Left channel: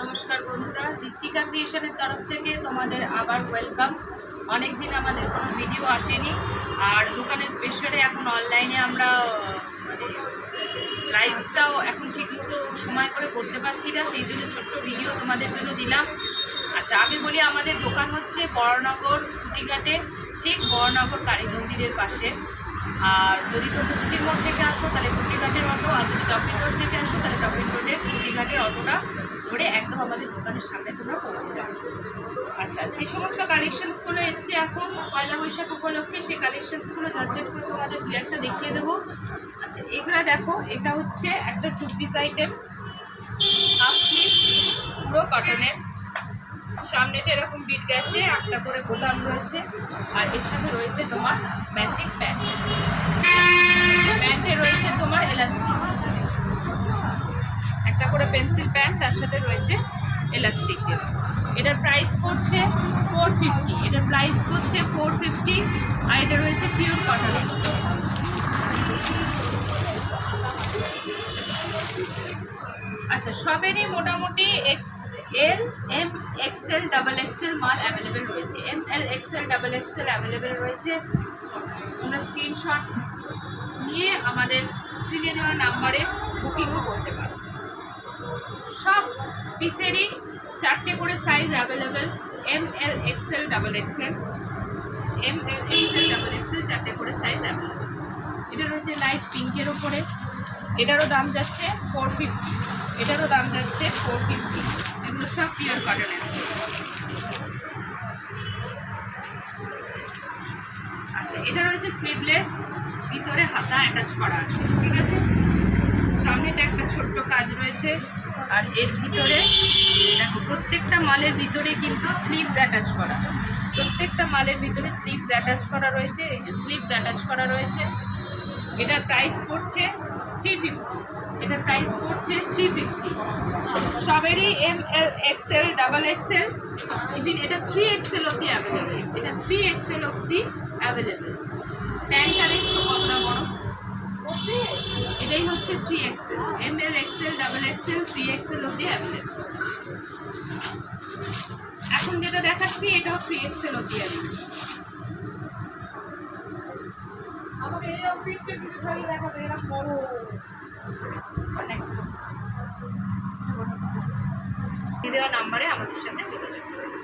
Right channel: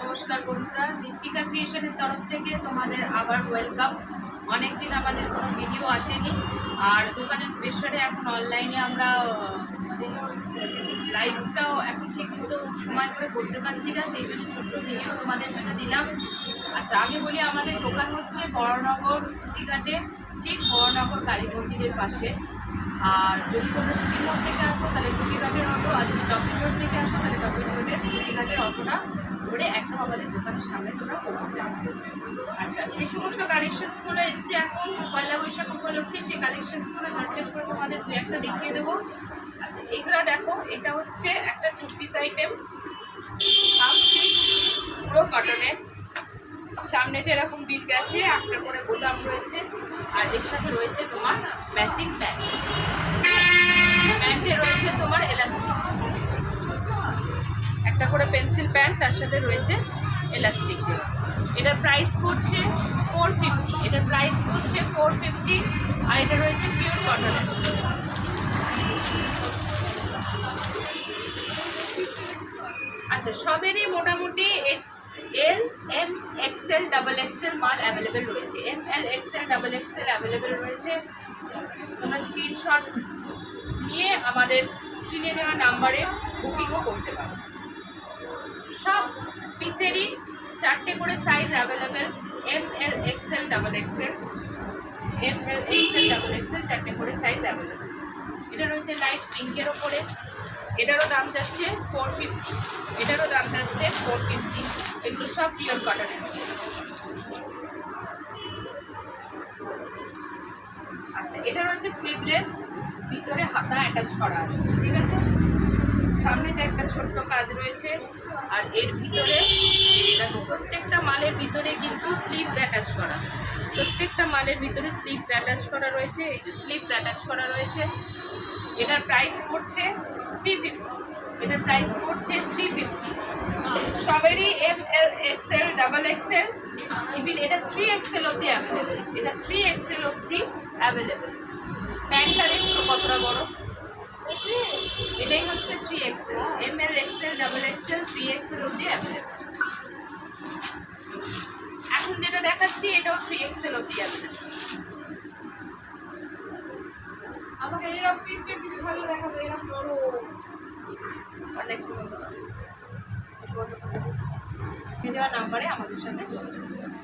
নমস্কার বন্ধুরা, ঋত্বিকা ক্রিয়েশনের তরফ থেকে তোমাদের আবার ওয়েলকাম। অনেকদিন আমাদের কোনো ভিডিও আসেনি, আর দোকানের পেছনে এখন অনলাইনে আমরা মানে লাইভটাও এখন ঠিকমতো সময় করে করতে পারছি না, সেই জন্য ছোট্ট ভিডিও তোমাদের জন্য দিলাম। আচ্ছা, আমি বলি আমাদের দোকান হচ্ছে বড়নগর কুটিঘাটে, ঠিক বড়নগর কালী মন্দিরের পাশে। আর যদি তোমরা সিটির মোড় থেকে আসো তাহলে কুটিঘাটের অটো, আর যদি টপিক রোড থেকে আসো তাহলে টপিক রোডের কুটিঘাটের অটোটা ধরে একদম আমাদের দোকানের সামনে তোমরা পৌঁছে যাবে। আচ্ছা, যে সমস্ত কালেকশনসগুলো এসছে এখন পয়লা বৈশাখ উপলক্ষে, সেই কালেকশনসগুলো ঝটঝট করে তোমাদের দু একটা দেখিয়ে দেবো। আচ্ছা, এগুলো দেখো, এটা হচ্ছে একটা two piece item, half piece, পুরো কটনের। সামনেটা এরকম বিট গেছে, একটা করে বোতাম রয়েছে, আর এর সাথে রয়েছে তোমার ম্যাচিং প্যান্ট। প্যান্টে রয়েছে তোমার এলাস্টিক, একটা করে পেন্সিল প্যান্ট, তার সাথে রয়েছে এলাস্টিক দেওয়া। এটার প্রাইস পড়ছে 450, এটার প্রাইস পড়ছে 450, আর এটা রয়েছে পিওর কটনের। আচ্ছা, সবেরই মোটামুটি XL, M, XL, double XL মাল অ্যাভেলেবেল রয়েছে। ML, XL, double XL available রয়েছে। তোমরা স্ক্রিনশট নিয়ে আমাদের স্ক্রিনে দেওয়া নাম্বারে বুকিংও করতে পারো। সব পিসেরই 4টে করে size available, ML, XL, double XL, ML, XL, double XL 4টে করে সাইজ অ্যাভেলেবেল। এটা রয়েছে লাইট পিঙ্কের ওপরে, এটারও দাম যাচ্ছে 450, এটারও দাম যাচ্ছে 450। এগুলো সব পিওর কটনের। আচ্ছা, এটা রয়েছে স্লিভলেস, ভিতরে হাতা অ্যাটাচ করা আছে, ঠিক আছে। সামনেটা একটা ছোট্ট কাজ রয়েছে, আর এর ভিতরে দেখো প্রত্যেকটা মালের ভিতরে কিন্তু স্লিভস অ্যাটাচ করা, প্রত্যেকটা মালের ভিতরে স্লিভস অ্যাটাচ করা রয়েছে। এই যে স্লিভস অ্যাটাচ করা রয়েছে। এটার প্রাইস পড়ছে 350, এটার প্রাইস পড়ছে 350। সবেরই ML, XL, double XL, even এটা 3XL অবধি অ্যাভেলেবেল, এটা 3XL অবধি অ্যাভেলেবেল। প্যান্টটা দেখছো কতটা বড়, এটাই হচ্ছে 3XL, ML, XL, double XL, 3XL অবধি অ্যাভেলেবেল। এখন যেটা দেখাচ্ছি এটাও 3XL অবধি আছে। আমাকে এরকম পিকটা কিছু ভালো দেখাবে, এরকম বড় অনেক দেওয়া নাম্বারে আমাদের সাথে যোগাযোগ করবে।